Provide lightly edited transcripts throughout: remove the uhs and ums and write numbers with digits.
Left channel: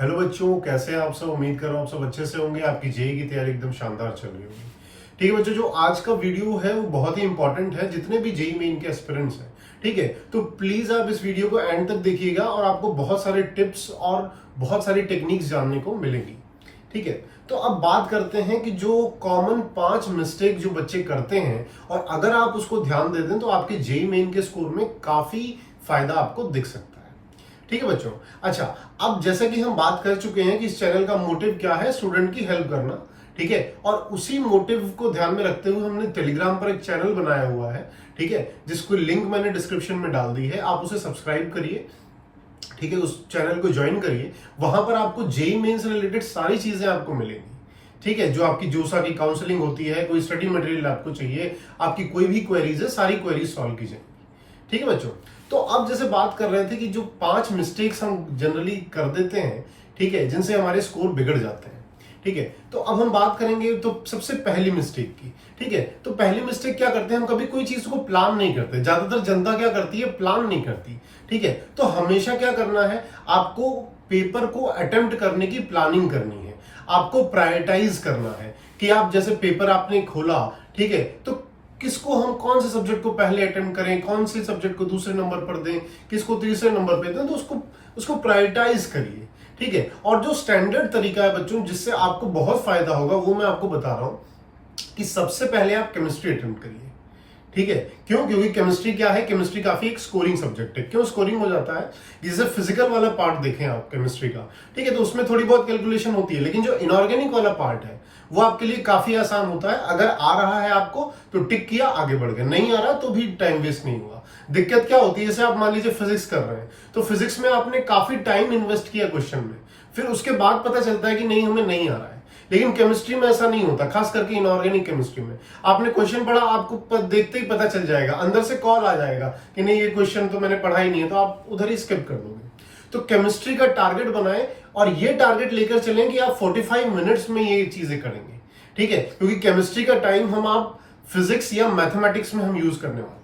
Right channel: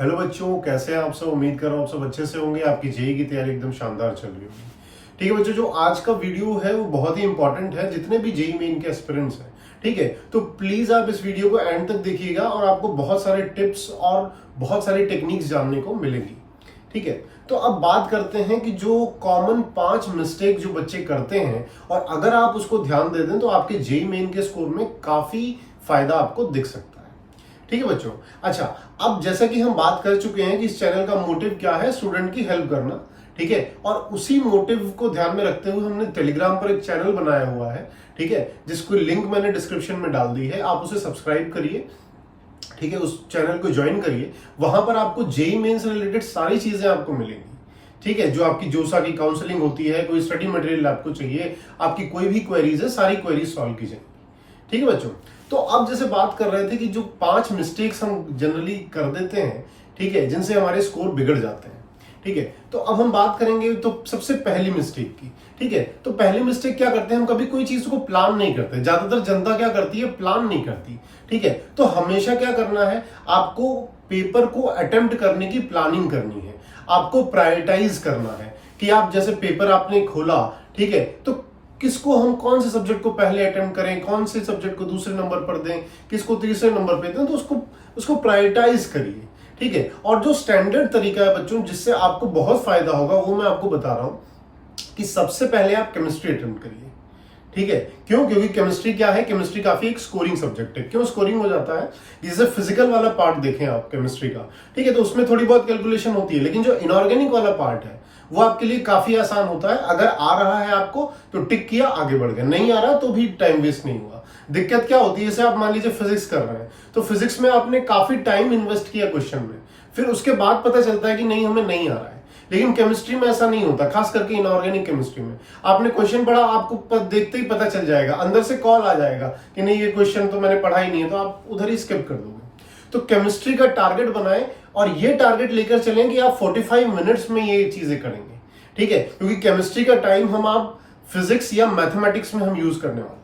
Hello बच्चों, कैसे हैं आप सब। उम्मीद कर रहा हूँ आप सब अच्छे से होंगे। आपकी जेई की तैयारी एकदम शानदार चल रही होगी। ठीक है बच्चों, जो आज का वीडियो है वो बहुत ही इंपॉर्टेंट है जितने भी जेई मेन के एस्पिरेंट्स हैं। ठीक है, तो प्लीज आप इस वीडियो को एंड तक देखिएगा और आपको बहुत सारे टिप्स और बहुत सारी टेक्निक्स जानने को मिलेंगी। ठीक है, तो अब बात करते हैं कि जो कॉमन 5 मिस्टेक जो बच्चे करते हैं और अगर आप उसको ध्यान दे दें तो आपके जेई मेन के स्कोर में काफी फायदा आपको दिख सकता है। ठीक है बच्चों, अच्छा, अब जैसा कि हम बात कर चुके हैं कि इस चैनल का मोटिव क्या है, स्टूडेंट की हेल्प करना। ठीक है, और उसी मोटिव को ध्यान में रखते हुए हमने टेलीग्राम पर एक चैनल बनाया हुआ है। ठीक है, जिसको लिंक मैंने डिस्क्रिप्शन में डाल दी है, आप उसे सब्सक्राइब करिए। ठीक है, उस चैनल को ज्वाइन करिए। वहां पर आपको जेई मेन से रिलेटेड सारी चीजें आपको मिलेंगी। ठीक है, जो आपकी जोसा की काउंसलिंग होती है, कोई स्टडी मटेरियल आपको चाहिए, आपकी कोई भी क्वेरीज है, सारी क्वेरीज सॉल्व की जाएंगी। ठीक है बच्चों, तो अब जैसे बात कर रहे थे कि जो 5 मिस्टेक्स हम जनरली कर देते हैं, ठीक है, जिनसे हमारे स्कोर बिगड़ जाते हैं। ठीक है, तो अब हम बात करेंगे तो सबसे पहली मिस्टेक की। ठीक है, तो पहली मिस्टेक क्या करते हैं, हम कभी कोई चीज को प्लान नहीं करते। ज्यादातर जनता क्या करती है, प्लान नहीं करती। ठीक है, तो हमेशा क्या करना है, आपको पेपर को अटेम्प्ट करने की प्लानिंग करनी है। आपको प्रायोरिटाइज करना है कि आप जैसे पेपर आपने खोला, ठीक है, तो किसको हम कौन से सब्जेक्ट को पहले अटेम्प्ट करें, कौन से सब्जेक्ट को दूसरे नंबर पर दें, किसको तीसरे नंबर पे दें, तो उसको प्रायोरिटाइज करिए। ठीक है, और जो स्टैंडर्ड तरीका है बच्चों जिससे आपको बहुत फायदा होगा वो मैं आपको बता रहा हूं कि सबसे पहले आप केमिस्ट्री अटेम्प्ट करिए। ठीक है, क्यों? क्योंकि केमिस्ट्री क्या है, केमिस्ट्री काफी एक स्कोरिंग सब्जेक्ट है। क्यों स्कोरिंग हो जाता है? जैसे फिजिकल वाला पार्ट देखें आप केमिस्ट्री का, ठीक है, तो उसमें थोड़ी बहुत कैलकुलेशन होती है, लेकिन जो इनऑर्गेनिक वाला पार्ट है वो आपके लिए काफी आसान होता है। अगर आ रहा है आपको तो टिक किया, आगे बढ़ गए, नहीं आ रहा तो भी टाइम वेस्ट नहीं हुआ। दिक्कत क्या होती है, जैसे आप मान लीजिए फिजिक्स कर रहे हैं, तो फिजिक्स में आपने काफी टाइम इन्वेस्ट किया क्वेश्चन में, फिर उसके बाद पता चलता है कि नहीं, हमें नहीं आ रहा है। लेकिन केमिस्ट्री में ऐसा नहीं होता, खास करके इनऑर्गेनिक केमिस्ट्री में आपने क्वेश्चन पढ़ा, आपको देखते ही पता चल जाएगा, अंदर से कॉल आ जाएगा कि नहीं, ये क्वेश्चन तो मैंने पढ़ा ही नहीं है, तो आप उधर ही स्किप कर दोगे। तो केमिस्ट्री का टारगेट बनाएं और ये टारगेट लेकर चलें कि आप 45 मिनट्स में ये चीजें करेंगे। ठीक है, क्योंकि केमिस्ट्री का टाइम हम आप फिजिक्स या मैथमेटिक्स में हम यूज करने वाले हैं।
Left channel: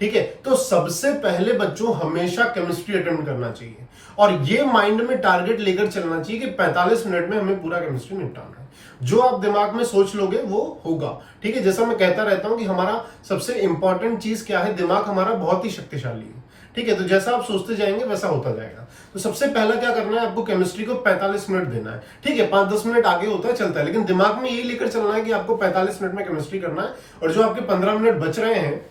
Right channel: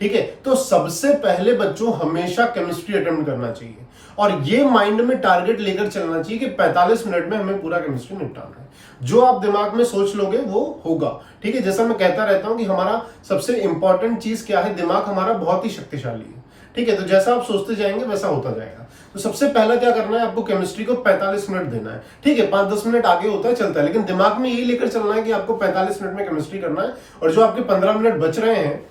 ठीक है, तो सबसे पहले बच्चों हमेशा केमिस्ट्री अटेम्प्ट करना चाहिए और ये माइंड में टारगेट लेकर चलना चाहिए कि 45 मिनट में हमें पूरा केमिस्ट्री निपटाना है। जो आप दिमाग में सोच लोगे वो होगा। ठीक है, जैसा मैं कहता रहता हूं कि हमारा सबसे इंपॉर्टेंट चीज क्या है, दिमाग हमारा बहुत ही शक्तिशाली है। ठीक है, तो जैसा आप सोचते जाएंगे वैसा होता जाएगा। तो सबसे पहला क्या करना है, आपको केमिस्ट्री को 45 मिनट देना है। ठीक है, 5-10 मिनट आगे होता है, चलता है, लेकिन दिमाग में यही लेकर चलना है कि आपको 45 मिनट में केमिस्ट्री करना है और जो आपके 15 मिनट बच रहे हैं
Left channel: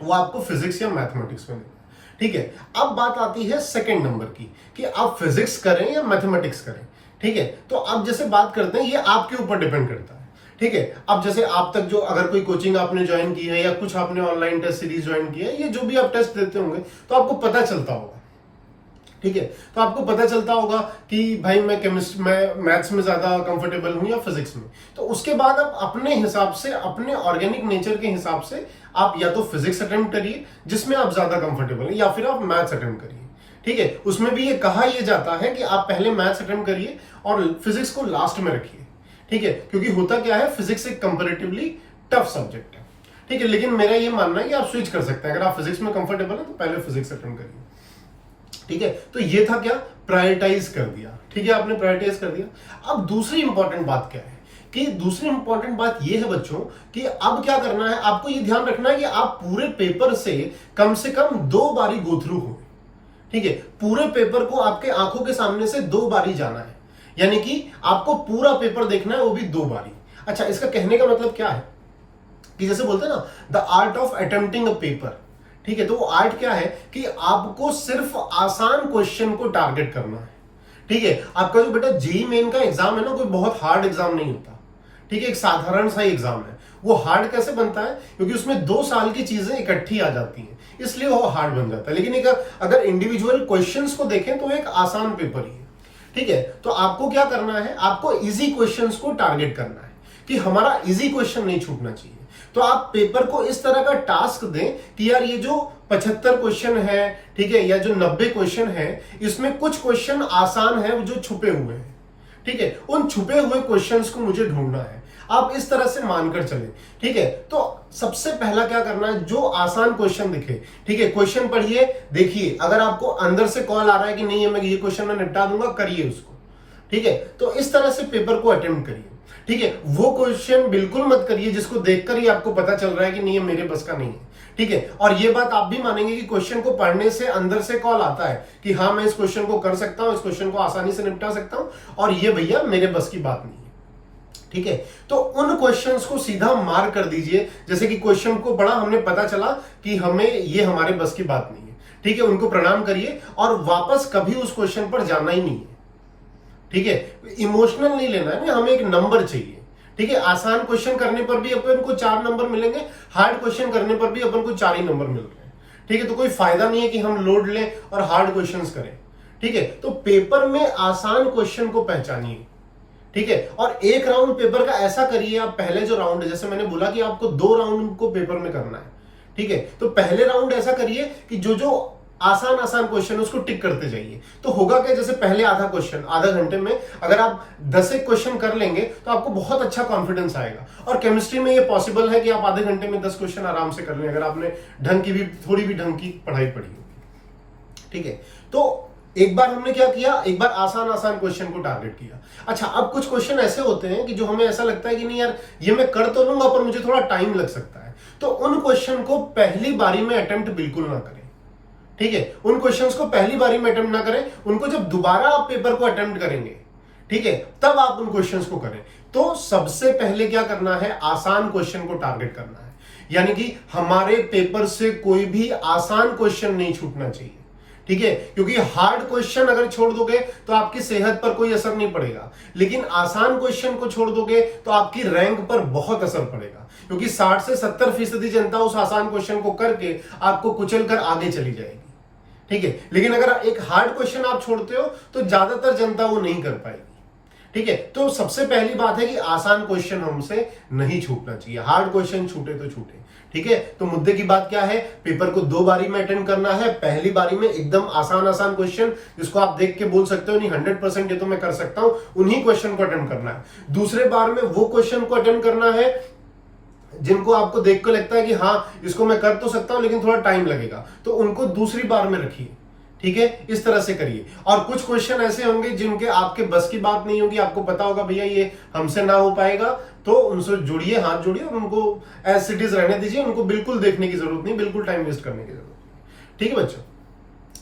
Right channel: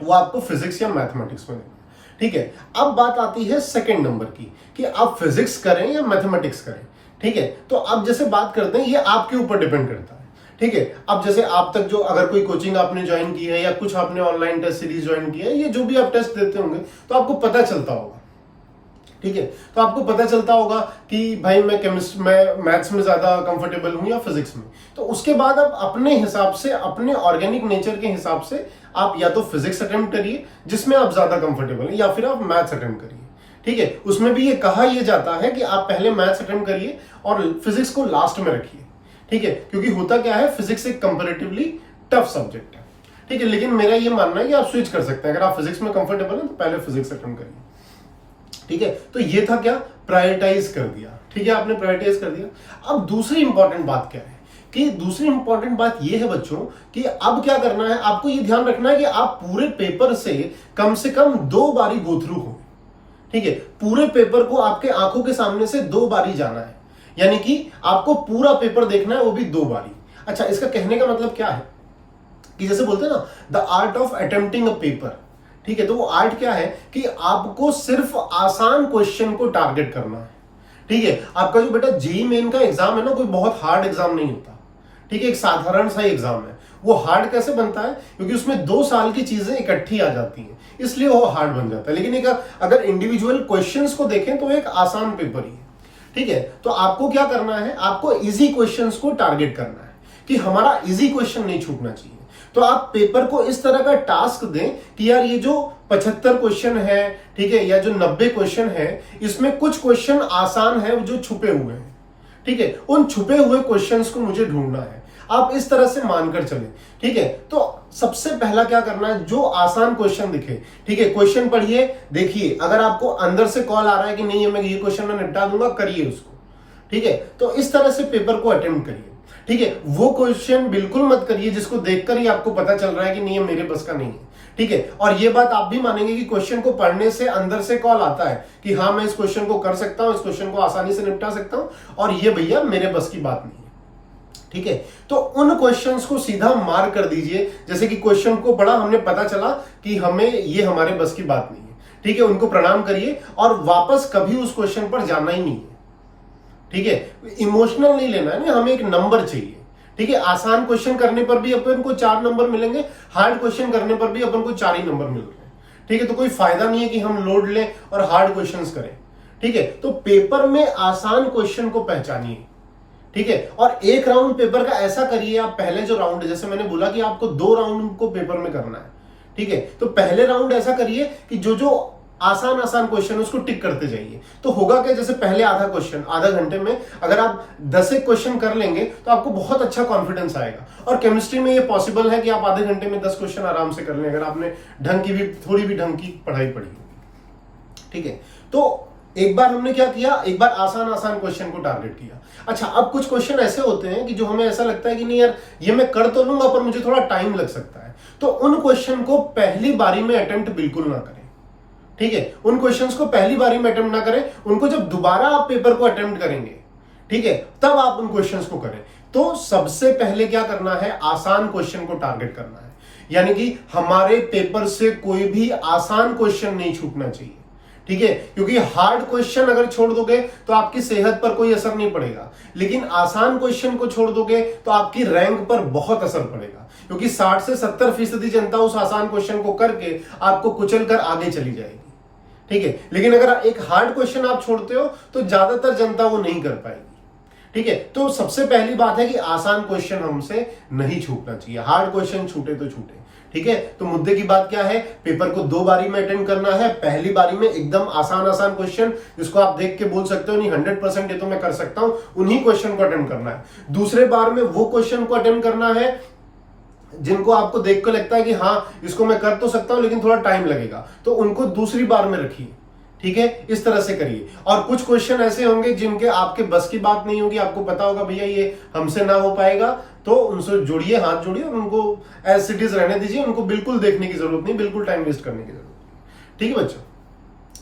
वो आपको फिजिक्स या मैथमेटिक्स में देना। ठीक है, अब बात आती है सेकंड नंबर की कि आप फिजिक्स करें या मैथमेटिक्स करें। ठीक है, तो अब जैसे बात करते हैं, ये आपके ऊपर डिपेंड करता है। ठीक है, अब जैसे आप तक जो अगर कोई कोचिंग आपने ज्वाइन की है या कुछ आपने ऑनलाइन टेस्ट सीरीज ज्वाइन की है, ये जो भी आप टेस्ट देते होंगे तो आपको पता चलता होगा। ठीक है, तो आपको पता चलता होगा कि भाई मैं केमिस्ट्री में मैथ्स में ज्यादा कंफर्टेबल हूं या फिजिक्स में। तो उसके बाद आप अपने हिसाब से, अपने ऑर्गेनिक नेचर के हिसाब से आप या तो फिजिक्स अटेम्प्ट करिए जिसमें आप ज्यादा कंफर्टेबल हैं, या फिर आप मैथ्स अटेम्प्ट करिए। ठीक है, उसमें भी ये कहा यह जाता है कि आप पहले मैथ्स अटेम्प्ट करिए और फिजिक्स को लास्ट में रखिए। ठीक है, क्योंकि होता क्या है, फिजिक्स एक कंपैरेटिवली टफ सब्जेक्ट है। ठीक है, लेकिन मेरा ये मानना है कि आप स्विच कर सकते हैं। अगर आप फिजिक्स में कंफर्टेबल हैं तो पहले फिजिक्स अटेम्प्ट करिए। ठीक है, तो ये था क्या, प्रायोरिटाइज कर दिया। ठीक है, आपने प्रायोरिटाइज कर दिया। अब दूसरी इंपॉर्टेंट बात क्या है कि दूसरी इंपॉर्टेंट बात ये है बच्चों कि अब क्या करना है, आपको ये ध्यान रखना है कि आप पूरे पेपर से कम 2 बारी गो थ्रू हो। ठीक है, पूरे पेपर को आपके आंखों के सामने से 2 बारी जाना है, यानी कि आपको पूरा पेपर देखना है, वो भी 2 बारी। अच्छा, इसका कहने का मतलब क्या है कि जैसे बोलते हैं ना, the art of attempting a paper. ठीक है, तो वो आर्ट क्या है कि आपको सिर्फ आसान क्वेश्चन को टारगेट करना है। ठीक है, आपका जो बेटा जेईई मेन का एग्जाम है ना, कोई बहुत हार्ड एग्जाम नहीं होता। ठीक है, एक साधारण सा एग्जाम है। वो हार्ड कैसे बनता है, क्योंकि उसमें 2 साल की चीजें इकट्ठी आ जाती हैं, इसलिए वो हार्ड बन जाता है। लेकिन एक अगर इंडिविजुअल क्वेश्चंस को देखें तो एक आसान पेपर ही है। ठीक है, तो आपको क्या करना है, आपको इजी क्वेश्चंस को टारगेट करना है कि हमारा इजी क्वेश्चन नहीं छूटना चाहिए। तो आप पेपर को इस तरह का टास्क दें कि यार ये जो 75 क्वेश्चन है, ठीक है, या जो 90 क्वेश्चन है, इसमें कुछ क्वेश्चन आसान है जो छुपे हुए हैं। ठीक है, उन छुपे हुए क्वेश्चंस को मुझे ढूंढना है। आप इस तरह से मानकर चलें। ठीक है, तो सबसे पहला क्या करना है, जो आसान क्वेश्चन दिखे, ठीक है, क्वेश्चन पढ़िए, देखिए, अगर आपको अंदर से कॉल आ रहा है कि नहीं मैं ये क्वेश्चन में निपटा दूंगा, करिए उसको। ठीक है, तो इस तरह से पेपर को अटेम्प्ट करिए। ठीक है, वो क्वेश्चन बिल्कुल मत करिए जिसको देखकर ही आपको पता चल रहा है कि नहीं ये मेरे बस का नहीं है। ठीक है, और ये बात आप भी मानेंगे कि क्वेश्चन को पढ़ने से अंदर से कॉल आता है कि हाँ मैं इस क्वेश्चन को कर सकता हूं, इस क्वेश्चन को आसानी से निपटा सकता हूं, और ये भैया मेरे बस की बात नहीं है। ठीक है, तो उन क्वेश्चंस को सीधा मार कर दीजिए। जैसे कि क्वेश्चन को पढ़ा, हमने पता चला कि हमें ये हमारे बस की बात नहीं है। ठीक है, उनको प्रणाम करिए और वापस कभी उस क्वेश्चन पर जाना ही नहीं है। ठीक है, इमोशनल नहीं लेना है ना, हमें एक नंबर चाहिए। ठीक है, आसान क्वेश्चन करने पर भी अपन को 4 नंबर मिलेंगे, हार्ड क्वेश्चन करने पर भी अपन को 4 ही नंबर मिल रहे हैं। ठीक है, तो कोई फायदा नहीं है कि हम लोड लें और हार्ड क्वेश्चंस करें। ठीक है, तो पेपर में आसान क्वेश्चन को पहचानिए। ठीक है, और एक राउंड पेपर का ऐसा करिए, आप पहले जो राउंड है, जैसे मैंने बोला कि आपको 2 राउंड को पेपर में करना है। ठीक है, तो पहले राउंड ऐसा करिए कि जो जो आसान आसान क्वेश्चन उसको टिक करते जाइए। तो होगा क्या, जैसे पहले आधा क्वेश्चन आधा घंटे में अगर आप 10 एक क्वेश्चन कर लेंगे तो आपको बहुत अच्छा कॉन्फिडेंस आएगा। और केमिस्ट्री में ये पॉसिबल है कि आप आधे घंटे में 10 क्वेश्चन आराम से कर लें, अगर आपने ढंग की भी थोड़ी भी ढंग की पढ़ाई पढ़ी होगी। ठीक है, तो एक बार हमने क्या किया, एक बार आसान आसान क्वेश्चन को टारगेट किया। अच्छा, अब कुछ क्वेश्चन ऐसे होते हैं कि जो हमें ऐसा लगता है कि नहीं यार ये मैं कर तो लूंगा पर मुझे थोड़ा टाइम लग सकता है, तो उन क्वेश्चन को पहली बारी में अटेम्प्ट बिल्कुल ना करें। ठीक है, उन क्वेश्चंस को पहली बारी में अटेम्प्ट ना करें, उनको जब दोबारा आप पेपर को अटेम्प्ट करेंगे, ठीक है, तब आप उन क्वेश्चंस को करें। तो सबसे पहले क्या करना है, आसान क्वेश्चन को टारगेट करना है। यानी कि हमारे पेपर से कोई भी आसान क्वेश्चन नहीं छूटना चाहिए। ठीक है, क्योंकि हार्ड क्वेश्चन अगर छोड़ दोगे तो आपकी सेहत पर कोई असर नहीं पड़ेगा, लेकिन आसान क्वेश्चन को छोड़ दोगे तो आपकी रैंक पर बहुत असर पड़ेगा, क्योंकि 60 से 70% जनता उस आसान क्वेश्चन को करके आपको कुचल कर आगे चली जाएगी। ठीक है, लेकिन अगर एक हार्ड क्वेश्चन आप छोड़ते हो तो ज्यादातर जनता वो नहीं कर पाएगी। ठीक है, तो सबसे पहली बात है कि आसान क्वेश्चन हमसे नहीं छूटना चाहिए, हार्ड क्वेश्चन छूटे तो छूटे। ठीक है, तो मुद्दे की बात क्या है, पेपर को 2 बारी में अटेंड करना है। पहली बारी में एकदम आसान आसान क्वेश्चन जिसको आप देख के बोल सकते हो नहीं 100% ये तो मैं कर सकता हूं, उन्हीं क्वेश्चन को अटेम्प्ट करना है। दूसरे बार में वो क्वेश्चन को अटेम्प्ट करना है जिनको आपको देख कर लगता है कि हाँ इसको मैं कर तो सकता हूं लेकिन थोड़ा टाइम लगेगा, तो उनको दूसरी बार में रखिए। ठीक है, इस तरह से करिए। और कुछ क्वेश्चन ऐसे होंगे जिनके आपके बस की बात नहीं होगी, आपको पता होगा भैया ये हमसे ना हो पाएगा, तो उनसे जोड़िए, हाथ जोड़िए और उनको एज इट इज रहने दीजिए, उनको बिल्कुल देखने की जरूरत नहीं, बिल्कुल टाइम वेस्ट करने की जरूरत नहीं। ठीक है बच्चों,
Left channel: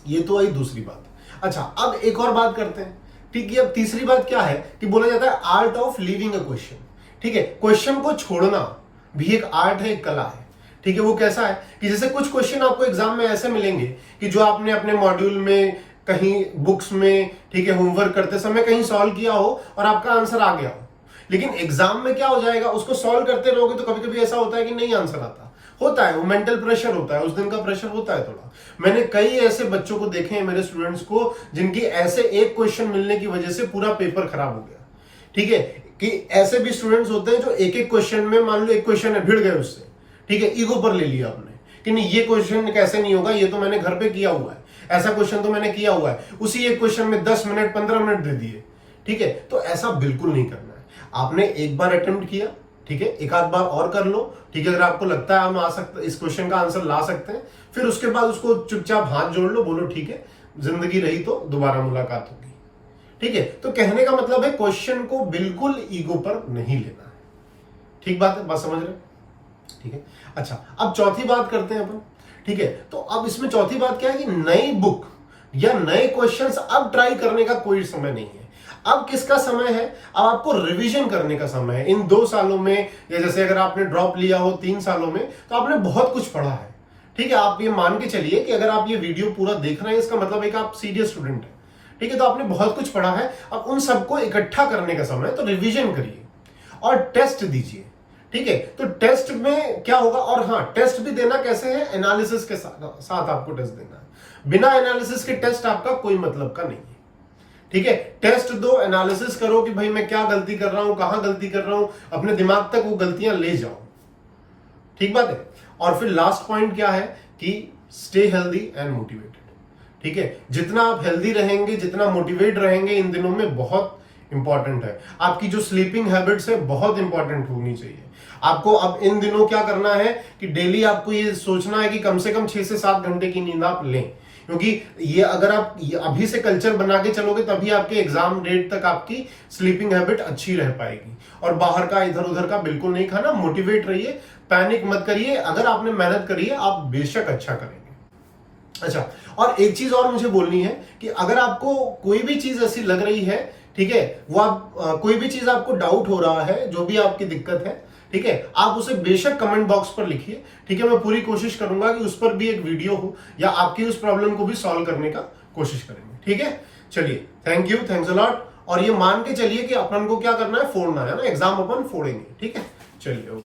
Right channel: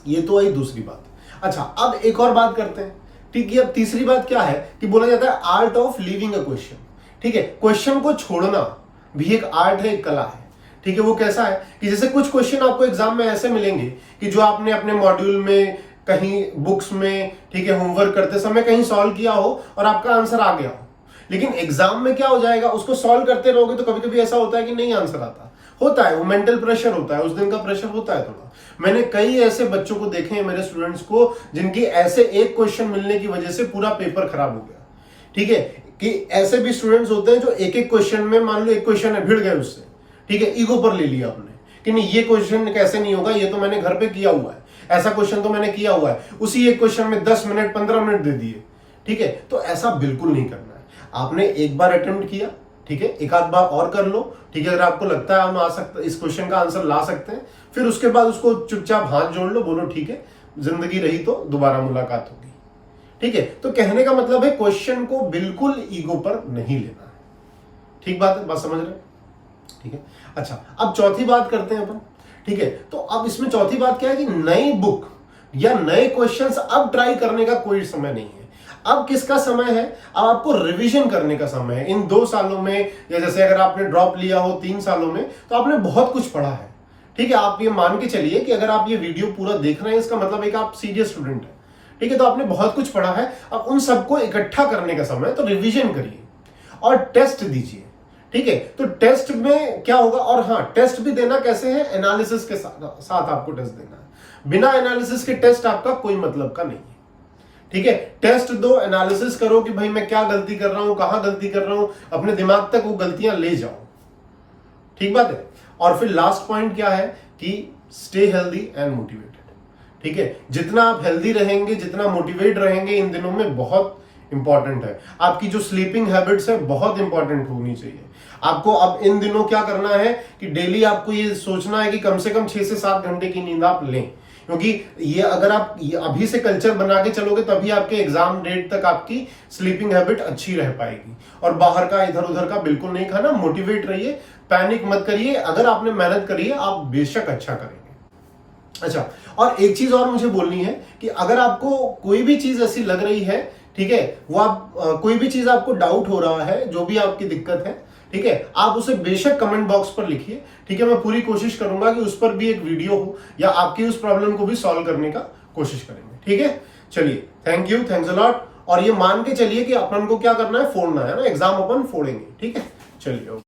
ये तो आई दूसरी बात। अच्छा, अब एक और बात करते हैं। ठीक है, अब तीसरी बात क्या है कि बोला जाता है art of leaving a question. ठीक है, क्वेश्चन को छोड़ना भी एक आर्ट है, एक कला है। ठीक है, वो कैसा है कि जैसे कुछ क्वेश्चन आपको एग्जाम में ऐसे मिलेंगे कि जो आपने अपने मॉड्यूल में कहीं बुक्स में, ठीक है, होमवर्क करते समय कहीं सॉल्व किया हो और आपका आंसर आ गया हो, लेकिन एग्जाम में क्या हो जाएगा, उसको सॉल्व करते रहोगे तो कभी कभी ऐसा होता है कि नहीं आंसर आता, होता है, वो मेंटल प्रेशर होता है, उस दिन का प्रेशर होता है थोड़ा। मैंने कई ऐसे बच्चों को देखे हैं, मेरे स्टूडेंट्स को, जिनकी ऐसे एक क्वेश्चन मिलने की वजह से पूरा पेपर खराब हो गया। ठीक है, कि ऐसे भी स्टूडेंट्स होते हैं जो एक एक क्वेश्चन में, मान लो एक क्वेश्चन है, भिड़ गए उससे। ठीक है, ईगो पर ले लिया आपने कि नहीं ये क्वेश्चन कैसे नहीं होगा, ये तो मैंने घर पे किया हुआ है, ऐसा क्वेश्चन तो मैंने किया हुआ है, उसी एक क्वेश्चन में 10 मिनट 15 मिनट दे दिए। ठीक है, तो ऐसा बिल्कुल नहीं करना है। आपने एक बार अटेम्प्ट किया, ठीक है, एक आध बार और कर लो। ठीक है, अगर आपको लगता है हम आ सकते, इस क्वेश्चन का आंसर ला सकते हैं, फिर उसके बाद उसको चुपचाप हाथ जोड़ लो, बोलो ठीक है, जिंदगी रही तो दोबारा मुलाकात होगी। ठीक है, तो कहने का मतलब है क्वेश्चन को बिल्कुल ईगो पर नहीं लेना है। ठीक बात है, बात समझ रहे? ठीक है, अच्छा, अब चौथी बात करते हैं अपन। ठीक है, तो अब इसमें चौथी बात क्या है कि नई बुक या नए क्वेश्चंस अब ट्राई करने का कोई समय नहीं है। अब किसका समय है, अब आपको रिवीजन करने का समय है। इन 2 सालों में, या जैसे अगर आपने ड्रॉप लिया हो 3 सालों में, तो आपने बहुत कुछ पढ़ा है। ठीक है, आप ये मान के चलिए कि अगर आप ये वीडियो पूरा देख रहे हैं, इसका मतलब एक आप सीरियस स्टूडेंट है। ठीक है, तो आपने बहुत कुछ पढ़ा है, अब उन सबको इकट्ठा करने का समय, तो रिवीजन करिए और टेस्ट दीजिए। ठीक है, तो टेस्ट में क्या होगा, और हाँ, टेस्ट भी देना कैसे है, एनालिसिस के साथ आपको टेस्ट देना है। बिना एनालिसिस के टेस्ट आपका कोई मतलब का नहीं है। ठीक है, टेस्ट दो, एनालिसिस करो कि भाई मैं क्या गलती कर रहा हूं, कहां गलती कर रहा हूं, अपने दिमाग तक वो गलतियां ले जाओ। ठीक बात है। और फिर लास्ट पॉइंट क्या है कि स्टे हेल्दी एंड मोटिवेटेड। ठीक है, जितना आप हेल्दी रहेंगे, जितना मोटिवेट रहेंगे इन दिनों में, बहुत इंपॉर्टेंट है। आपकी जो स्लीपिंग हैबिट्स है बहुत इंपॉर्टेंट होनी चाहिए। आपको अब इन दिनों क्या करना है कि डेली आपको ये सोचना है कि कम से कम 6 से 7 घंटे की नींद आप लें, क्योंकि ये अगर आप अभी से कल्चर बना के चलोगे तभी आपके एग्जाम डेट तक आपकी स्लीपिंग हैबिट अच्छी रह पाएगी। और बाहर का इधर उधर का बिल्कुल नहीं खाना, मोटिवेट रहिए, पैनिक मत करिए, अगर आपने मेहनत करी है आप बेशक अच्छा करेंगे। अच्छा, और एक चीज और मुझे बोलनी है कि अगर आपको कोई भी चीज ऐसी लग रही है, ठीक है, वो आप कोई भी चीज आपको डाउट हो रहा है, जो भी आपकी दिक्कत है, ठीक है, आप उसे बेशक कमेंट बॉक्स पर लिखिए, ठीक है। मैं पूरी कोशिश करूंगा कि उस पर भी एक वीडियो हो या आपकी उस प्रॉब्लम को भी सॉल्व करने का कोशिश करेंगे, ठीक है। चलिए, thank you, thanks a lot. और ये मान के चलिए कि अपन को क्या करना है, फोड़ना है ना, एग्जाम अपन फोड़ेंगे, ठीक है। चलिए।